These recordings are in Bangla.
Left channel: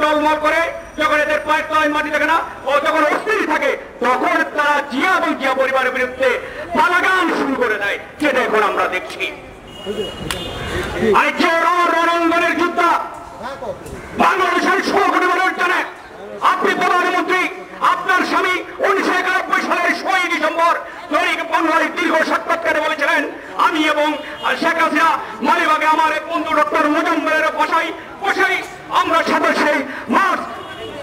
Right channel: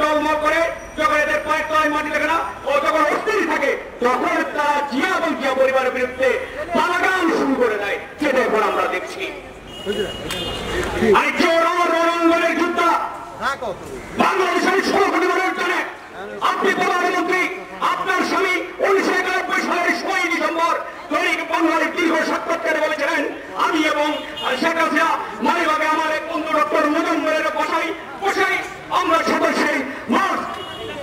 টলমল করে, যখন এদের পায়ের তলায় মাটি থাকে না ও যখন অস্থির থাকে, তখন তারা জিয়া এবং জিয়া পরিবারের বিরুদ্ধে পালাগান শুরু করে দেয়, যেটা এখন আমরা দেখছি। রণাঙ্গনের যোদ্ধা বাংলাদেশের 16 কোটি মানুষ জানেন। আপনি প্রধানমন্ত্রী, আপনার স্বামী 1991 সালের 6 ডিসেম্বর দৈনিক বাংলার দীর্ঘ সাক্ষাৎকারে বলেছিলেন, আমি এবং শেখ হাসিনা মালিবাগে আমার বন্ধু ডক্টর মুজাম্মেলের বসাই আমরা সাথে সেই মার্চ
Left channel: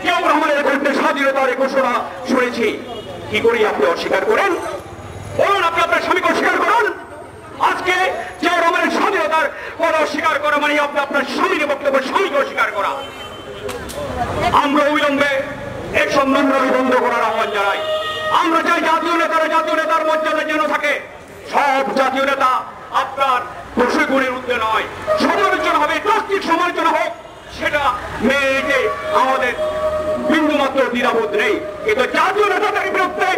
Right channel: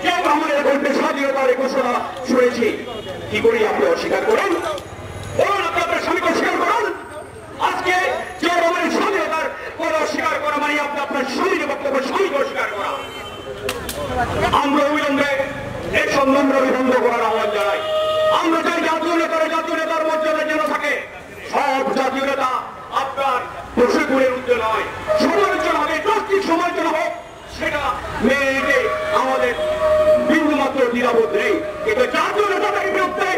জিয়াউর রহমানের কণ্ঠে স্বাধীনতার ঘোষণা শুনেছি। কি করি আপনি অস্বীকার করেন? বলুন, আপনি আপনার স্বামীকে অস্বীকার করুন। আজকে জিয়াউর রহমানের স্বাধীনতার কথা অস্বীকার করা মানে আপনি আপনার স্বামীর বক্তব্য স্বামীকে অস্বীকার করা। আমরা অবিলম্বে এই সম্মেলন বন্ধ করার আহ্বান জানাই। আমরা চাই জাতীয় নেতার মর্যাদা যেন থাকে। সব জাতীয় নেতা আপনার প্রশিক্ষণের মধ্যে নয়, সমালোচনা হবে, যৌক্তিক সমালোচনা হোক, সেটা মেনে আমাদের বিন্দুমাত্র দ্বিধাবোধ নেই। কিন্তু জাতীয় নেতাদের বিরুদ্ধে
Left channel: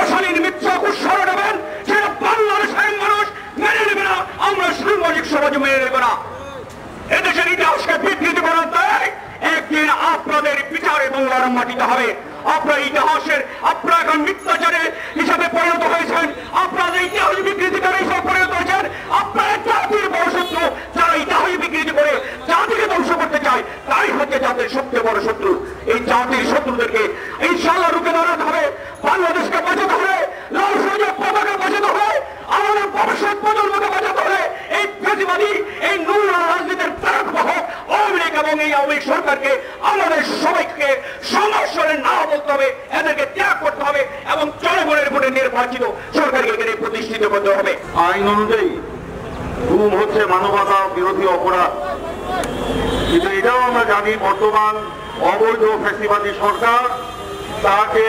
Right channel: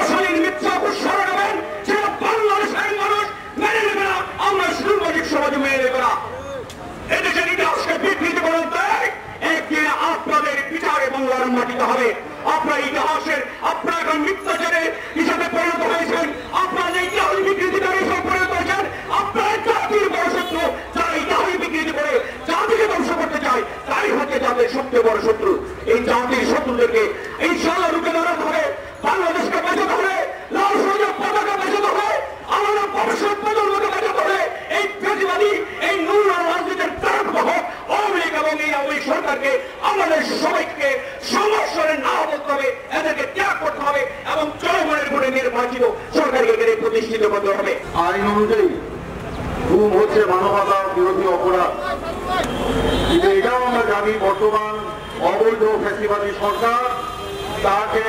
অশালীন মিথ্যা উৎসাহ নেবেন, সেটা বাংলাদেশের মানুষ মেনে নেবে না, আমরা সাংবাদিক সমাজ মেনে নেবে না। এদেশের ইতিহাসকে বিকৃতি বানাতে একদিন আপনাদের বিচারে বাংলার মাটিতে হবে। আপনার ইতিহাসের আপনারা এখন মিথ্যাচারে হিসাবে পরিণত হয়েছেন, আপনাদের ইতিহাস বিকৃতিকারী হিসাবে পরিণত হয়েছেন। আপনারা জাতির বড় শত্রু, যারা ইতিহাস বিকৃতি করে জাতিকে ধ্বংস করতে চায়, তাই হচ্ছে জাতির সবচেয়ে বড় শত্রু। এই জাতির শত্রুদেরকে ইনশাআল্লাহ রুখে দাঁড়াতে হবে, বাংলাদেশকে বাঁচাতে হবে, লাল সবুজের পতাকা বাঁচাতে হবে, আমাদের ভবিষ্যৎ প্রজন্মকে বাঁচাতে হবে। এই ফেসিবাদী, এই নোংরা রাজনীতির প্রাণবাহক আওয়ামী লীগ এবং এই আওয়ামী লীগ সরকারকে আমাদের সবাইকে সংঘর্ষের না বলতে হবে, এদেরকে ত্যাগ করতে হবে এবং জনগণের ভোটে নির্বাচিত সরকারকে এদের প্রতিষ্ঠিত করতে হবে। আইন অনুযায়ী গুম হচ্ছে মানবতা বিরোধী অপরাধ, কিন্তু এটাও আমরা জানি বর্তমান অবৈধ ফ্যাসিবাদী সরকার তাকে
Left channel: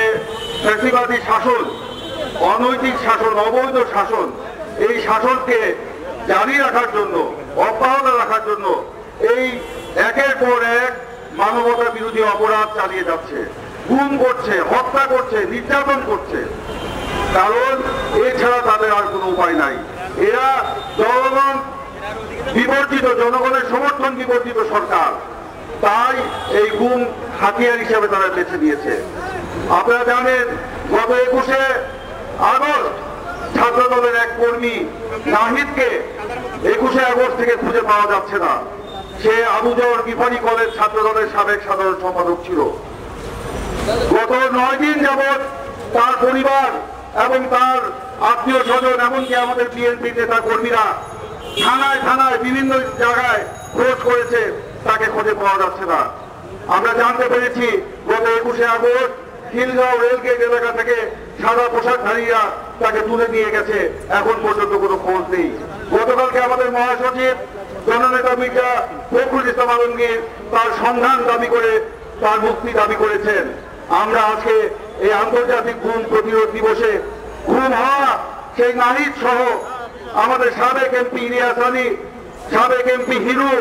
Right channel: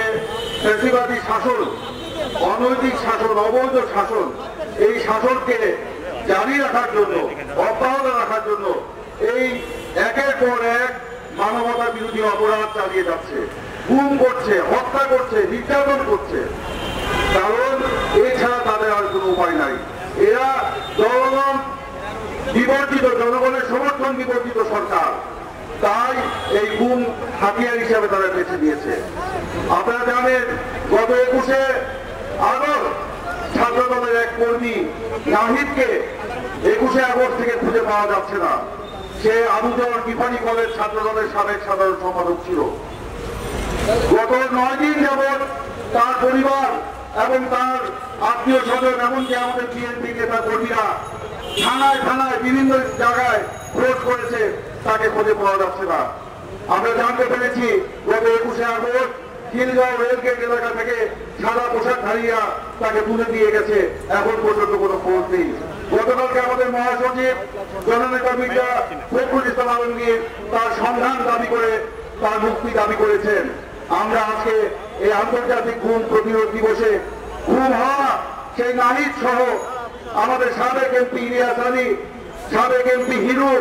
ফ্যাসিবাদী শাসন, অনৈতিক শাসন, অবৈধ শাসন, এই শাসনকে জারি রাখার জন্য, অব্যাহত রাখার জন্য এই একের পর এক মানবতা বিরোধী অপরাধ চালিয়ে যাচ্ছে, গুম করছে, হত্যা করছে, নির্যাতন করছে। কারণ এছাড়া তাদের আর কোনো উপায় নাই। এরা জনগণ বিবর্জিত, জনগণের সমর্থন বিবর্জিত সরকার, তাই এই গুম হাতিয়ার হিসাবে তারা বেছে দিয়েছে। আপনারা জানেন গত 21শে আগস্ট ছাত্রদলের এক কর্মী নাহিদকে 21শে আগস্ট থেকে খুঁজে পাওয়া যাচ্ছে না। সে আবুজর বিফারি কলেজ ছাত্রদলের সাবেক সাধারণ সম্পাদক ছিল। গত 9 দিন যাবৎ তার পরিবার এবং তার আত্মীয় স্বজন, এমনকি আমাদের বিএনপি নেতা কর্মীরা থানায় থানায় বিভিন্ন জায়গায় খোঁজ করেছে, তাকে খুঁজে পাওয়া যাচ্ছে না। আমরা জানতে পেরেছি গত 21শে আগস্ট খিলগাঁও রেলগেট এলাকা থেকে সাদা পোশাকধারীরা তাকে তুলে নিয়ে গেছে, এখন পর্যন্ত কোনো খোঁজ নেই। গতকালকে আমাদের মহাসচিব জননেতা মির্জা ফখরুল ইসলাম আলমগীর তার সন্ধান দাবি করে তার মুক্তি দাবি করেছেন। আমরা আজকে এই আন্তর্জাতিক গুম প্রতিরোধ দিবসে গুম হওয়া সেই নাহিদ সহ আমাদের সাবেক এমপি ইলিয়াস আলী, সাবেক এমপি হিরু,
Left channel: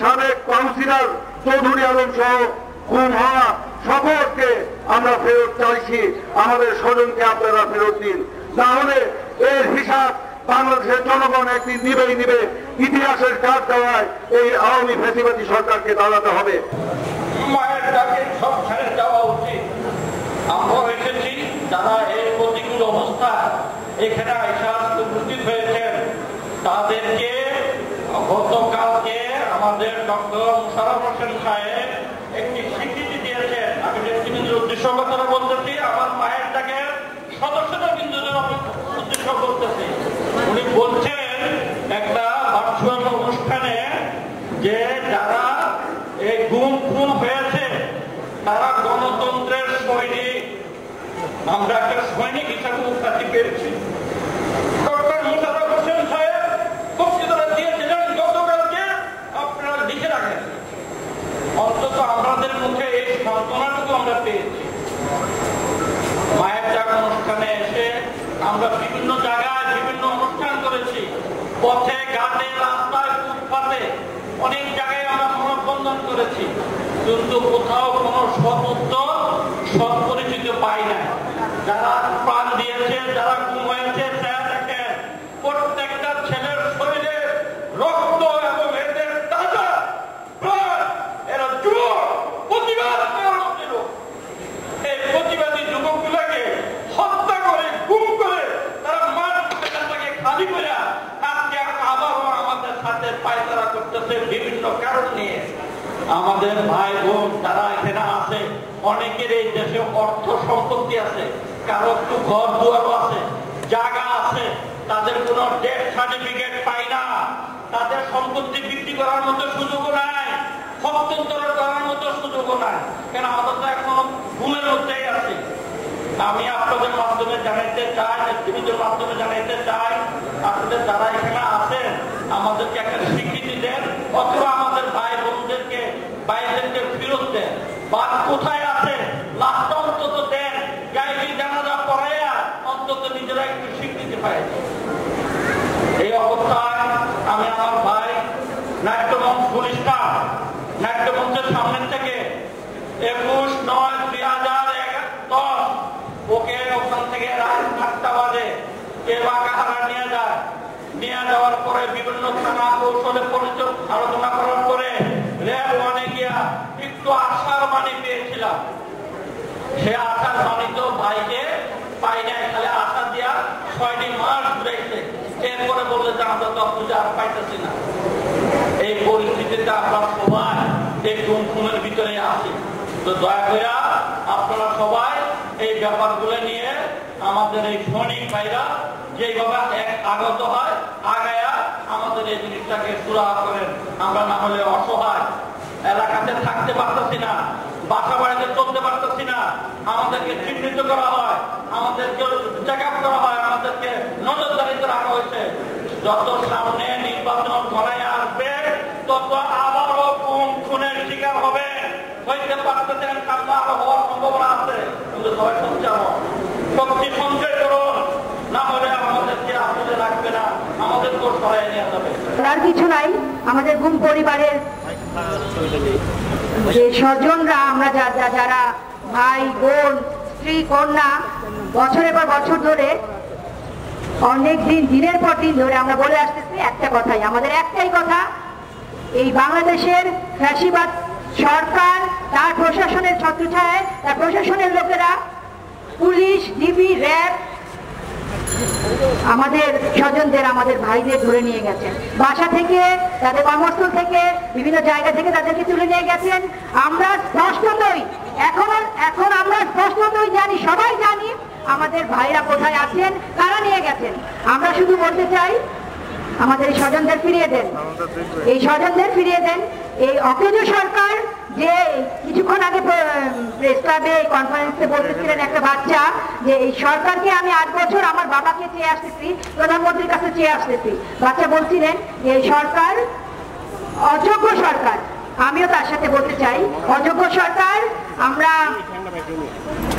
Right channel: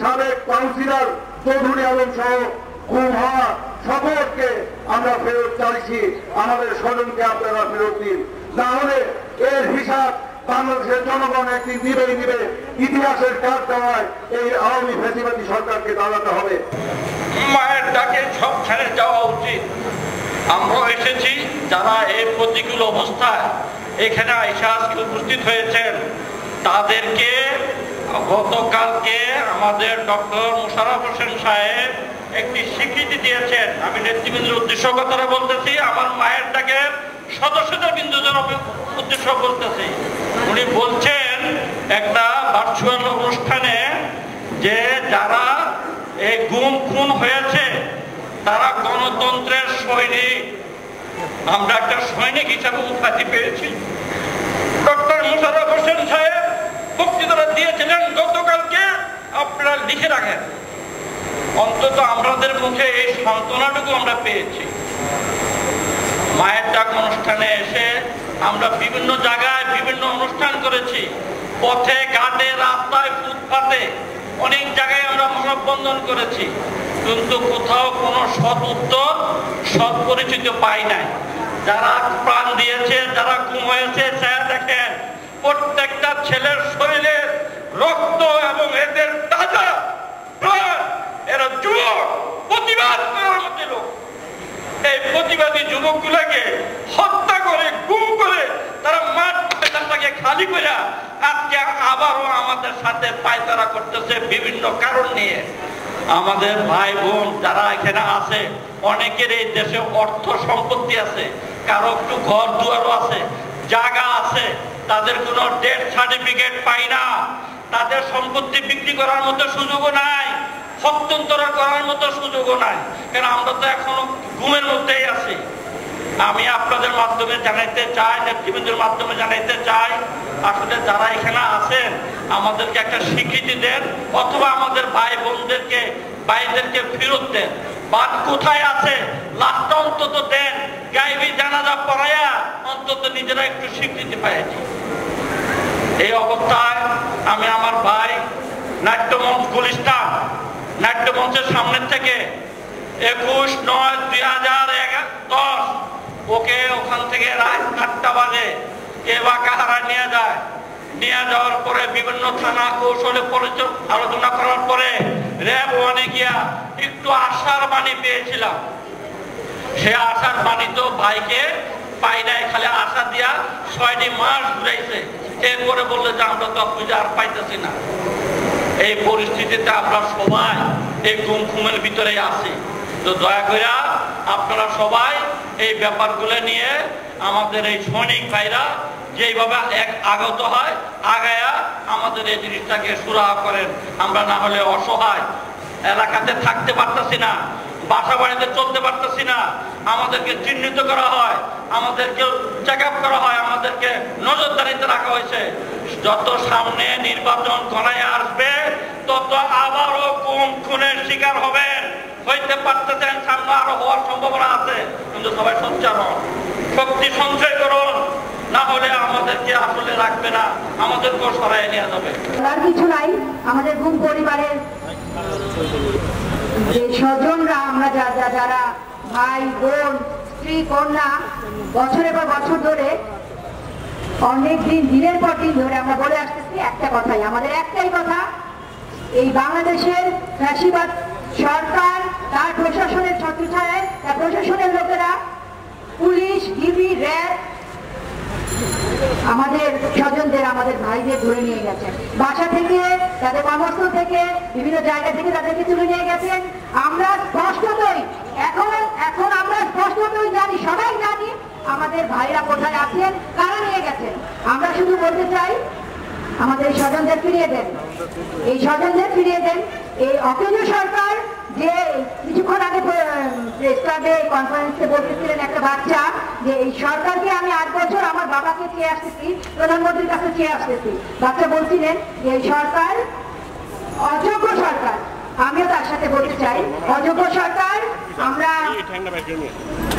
সাবেক কাউন্সিলর চৌধুরী আলম সহ গুম হওয়া সকলকে আমরা ফেরত চাইছি। আমাদের স্বজনকে আপনারা ফেরত দিন, না হলে এর হিসাব বাংলাদেশের জনগণ একদিন নিবেই নিবে। ইতিহাসের কাজ দেওয়ায় এই আওয়ামী ফ্যাসিবাদী সরকারকে দাঁড়াতে হবে। মায়ের ডাকে সব ছেড়ে যাওয়া উচিত। আমরা এসেছি যারা এই প্রতিকূল অবস্থা এখানে আইসা আজকে উপস্থিত হয়েছেন, তাদেরকে গতকালকে আমাদের ডক্টর মোশাররফ হোসেন সাহেব একটি স্বীকৃতি দিয়েছেন। আমি নেতৃবৃন্দের উদ্দেশ্য কথাটা বলতেছি, আমার মায়ের ডাকে সদস্যদের বিন্দুদের উদ্দেশ্য বলতেছি। উনি বলছেন একটা ভার্চুয়াল অনুষ্ঠানে যে যারা এই গুম খুন হয়েছে তারা গণতন্ত্রের সৈনিক। আমরা একটা সৈনিক হিসাবে উপাধি পেয়েছি। ডক্টর মোশাররফ হোসেন সাহেব বক্তৃতা দিয়েছিলেন গতকালকে, আপনারা লিখে রাখেন। অন্তত আমাদের মুখে এই সান্ত্বনাটুকু আমরা পেয়েছি। মায়ের ডাক অনুষ্ঠানে এসে আমরা বিভিন্ন জায়গায় বিভিন্ন অনুষ্ঠান করেছি, পথে ঘাটে রাস্তায় ফুটপাতে অনেক জায়গায় আমরা মানববন্ধন করেছি, কিন্তু কোথাও কোনো সৎ উত্তর, সৎ পরিচিত পাই নাই। যারা প্রাণ দিয়েছে, যারা গুম হয়েছে, দেখেন প্রত্যেকটা ছেলের শরীরে রক্ত এবং এদের তাজা প্রাণ, এরা যুবক, প্রতিবাদ করতেছে বিভিন্ন কারণ নিয়ে। আমাদের ভাই বোন যারা এখানে আছে, অনেকের এই দেশে অর্থ সম্পত্তি আছে, কারো একটু ঘর দুয়ারও আছে, জায়গা আছে, তাদের কোনো ডেথ সার্টিফিকেট পাই না, তাদের সম্পত্তি বিক্রি করার মতো সুযোগও নাই, হস্তান্তর করার মতো সুযোগও নাই, কারণ আমরা তো এখনো ঘুমের মধ্যেই আছি। আমি আপনাদের মাধ্যমে জানাইতে চাই, নেতৃবৃন্দের মাধ্যমে জানাইতে চাই, আসলে যারা এখানে আছেন আমাদেরকে একটা স্বীকৃতি দেন, অথবা আমাদের ভাই বোনদেরকে ভাইদেরকে ফেরত দেন, বা কোথায় আছে লাশটা অন্তত দেন, গায়েবী জানাজা পড়াইয়া অন্তত নিজেরা একটু স্বীকৃতি পাইছি। এই অবস্থায় আমি আমার ভাই নাট্যমঞ্চ গুলিস্তান নাট্যমঞ্চের সামনে থেকে 21/9/2010 ওকে ওখান থেকে রাত 8টা বাজে কে বা কাহারা নিয়ে যায়, নিয়ে যাওয়ার পরে বিভিন্ন থানা কৌশলে আলোচনা করার পরে র্যাব ওয়ানে গিয়া একটু আশার বাণী পেয়েছিলাম। সে আশার বাণী তো ভাইকে পাই নাই, খালি আশা দিয়া 6টি মাস ঘুরাইছে, এরপরে বললে যে আমরা তো খুঁজে আর পাইতেছি না। এই পরিস্থিতিতে আমরা সবাই এই গুমের ভিতরে আছি। তো দয়া করে আপনারা সবাই এই ব্যাপারগুলো নিয়ে আমাদের এই সৈনিক ভাইরা যেভাবে আগত হয় আগায়া আমাদের এই জিনিসটাকে সুরাহা করেন। আমরা না হলে অসহায়, এলাকাতে থাকতে পারতেছি না, বাসা বাড়িতে চলতে পারতেছি না, আমাদেরকে চিহ্নিত করা হয়, আমাদেরকে চেক আপ করা হয়, আমাদেরকে নজরদারিতে রাখা হয়েছে। যত সামনে নির্বাচন করাই আসবে তত আবারও খুনের শিকার হবেন, হইতে পারতেছেন, সামনে আরো হওয়ার সম্ভাবনা আছে। কিন্তু সবাই সঞ্চার হন, শক্তি সঞ্চয় করুন, না হলে আমাদেরকে আসলে রাখবে না, আমাদেরকেও সরাই নেওয়া যাবে। আর কিছু নাই, আমাদের গুম পরিবারের যে স্বজনরা, আমরা যারা ভাই বোন স্ত্রী কন্যা বছরের পর বছর ধরে অনেক দিনের পর দিন ধরে আমরা বলে আসতেছি একটা কথাই, আমাদের একটাই কথা, এই বাংলাদেশের ফ্যাসিবাদ সরকার, তার প্রশাসনের ছত্রছায়ায়, তার প্রশাসনের লোকেরা, পুলিশ, ডিবি, র্যাব আমাদের স্বজনদের, আমাদের ভাইদের ধরে নিয়ে গেছেন। বাসা থেকে, তাদের কর্মস্থল থেকে, বিভিন্ন জায়গা থেকে তাদেরকে তুলে নিয়ে গেছেন। আমরা স্পষ্টতই এখন আমরা স্পষ্টতই জানি, সবাই জানি আমাদের ভাইরা কোথায় আছেন, কারা নিয়ে গেছেন। আমরা শুধু বলতে চাই আমাদের এই স্বজনদের ফিরিয়ে দেন, এই স্বজনদের ফিরিয়ে দেন। এই অকেজ সরকার যে কিছুক্ষণ আগে প্রেস ক্লাবে কনফারেন্সে বলতেছিলেন একটা বাচ্চা, যে এই সরকারকে আমি 8 বছর আমার বাবাকে চেয়ে আসতেছি, প্রধানমন্ত্রীর কাছে চেয়ে আসতেছি। বাচ্চা বলছিলেন এই সরকার অযোগ্য সরকার। আমিও তার সাথে বলতে চাই অযোগ্য সরকার। আমরা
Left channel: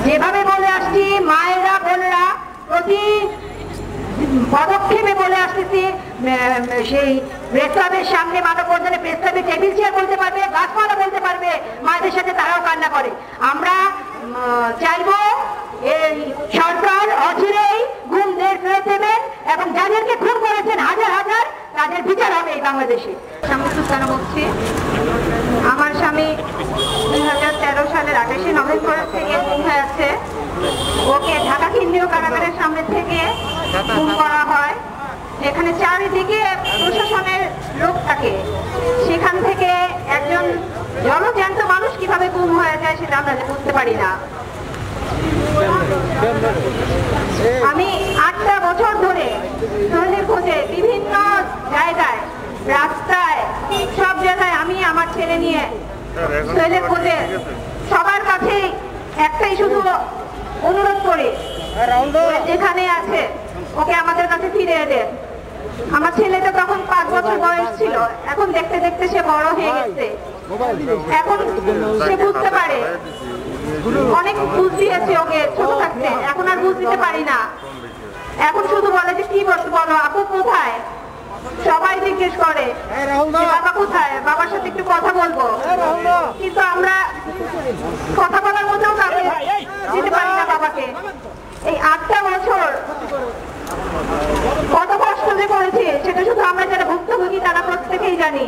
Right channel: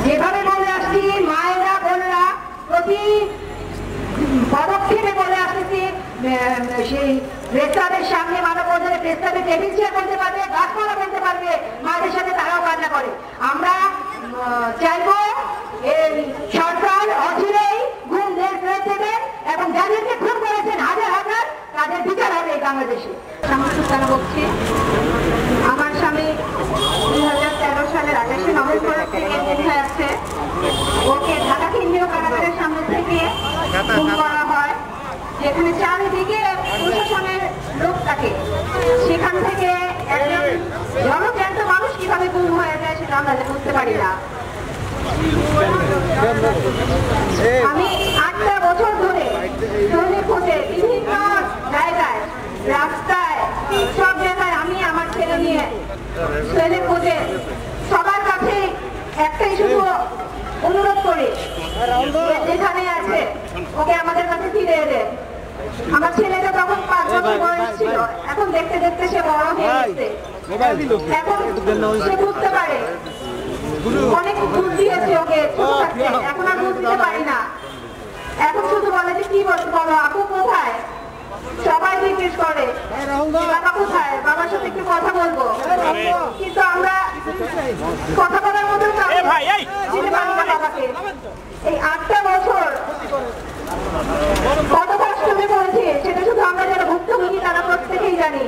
যেভাবে বলে আসছি, মায়েরা বোনেরা প্রতি পদক্ষেপে বলে আসতেছি, সেই প্রেসক্লাবের সামনে মানববন্ধনে প্রেসক্লাবে টেবিল চেয়ার বলতে পারবে, গাছপালা বলতে পারবে, মায়েদের সাথে তারাও কান্না করে। আমরা চাইবো এই সরকার অচিরেই গুমদের ফেরত দেবেন এবং যাদেরকে খুন করেছেন হাজার হাজার, তাদের বিচার হবে এই বাংলাদেশে। সামনে বলছি, আমার স্বামী 2013 সালের 28 নভেম্বর থেকে গুম হয়ে আছে। ওকে ঢাকা কেন্দ্রীয় কারাগারের সামনে থেকে গুম করা হয়, যেখানে চারিদিকে প্রশাসনের লোক থাকে। সেখান থেকে একজন জনজ্যান্ত মানুষ কিভাবে গুম হয়ে যায় সেটা আমরা বুঝতে পারি না। আমি 8টা বছর ধরে শহরের খোঁজে বিভিন্ন জায়গায়, রাস্তায়, সব জায়গায় আমি আমার ছেলে নিয়ে শহরের খোঁজে সবার কাছে একটাই শুধু অনুরোধ করি, যেখানে আছে ওকে আমাদের কাছে ফিরিয়ে দেন। আমার ছেলেটা তখন 5 বছর বয়স ছিল, এখন দেখতে দেখতে সে বড় হয়ে গেছে, এখন সে বুঝতে পারে। অনেক বুঝ দিয়েছে ওকে ছোট থাকতে, এখন আর বুঝতে পারি না। এখন শুধু বলে যে কি বলো আপু কোথায়, সবাই জিজ্ঞেস করে বাবা কোথায়, বাবার সাথে একটু কথা বলবো, কিন্তু আমরা কথা বলার মতো কাউকে দিতে পারি না বাবাকে। এই 8টা বছর কত কষ্ট যে করেছে সেটা শুধু আমরা যারা ভুক্তভোগী তারা প্রত্যেকেই জানি।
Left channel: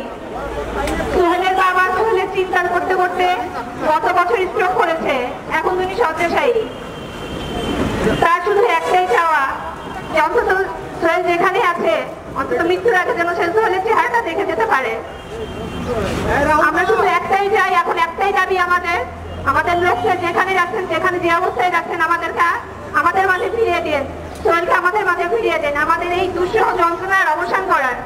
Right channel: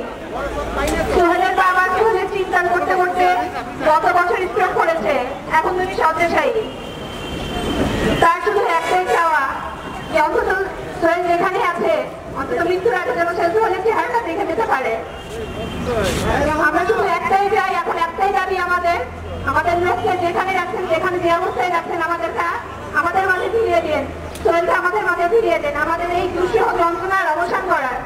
সোহেলের বাবা সোহেলের চিন্তা করতে করতে গত বছর স্ট্রোক করেছে, এখন তিনি শয্যাশায়ী। তার শুধু একটাই চাওয়া যে অন্তত সোহেল যেখানে আছে অন্তত মৃত্যুর আগে যেন সে সোহেলের চেহারাটা দেখে যেতে পারে। আমাদের লোককে যেখানে রাখছেন, যেখানে যে অবস্থায় রাখছেন, আমাদের মাঝে ফিরিয়ে দিন। সোহেলকে আমাদের মাঝে ফিরিয়ে দেন। আমাদের এই দুঃসহ যন্ত্রণার অবসান করার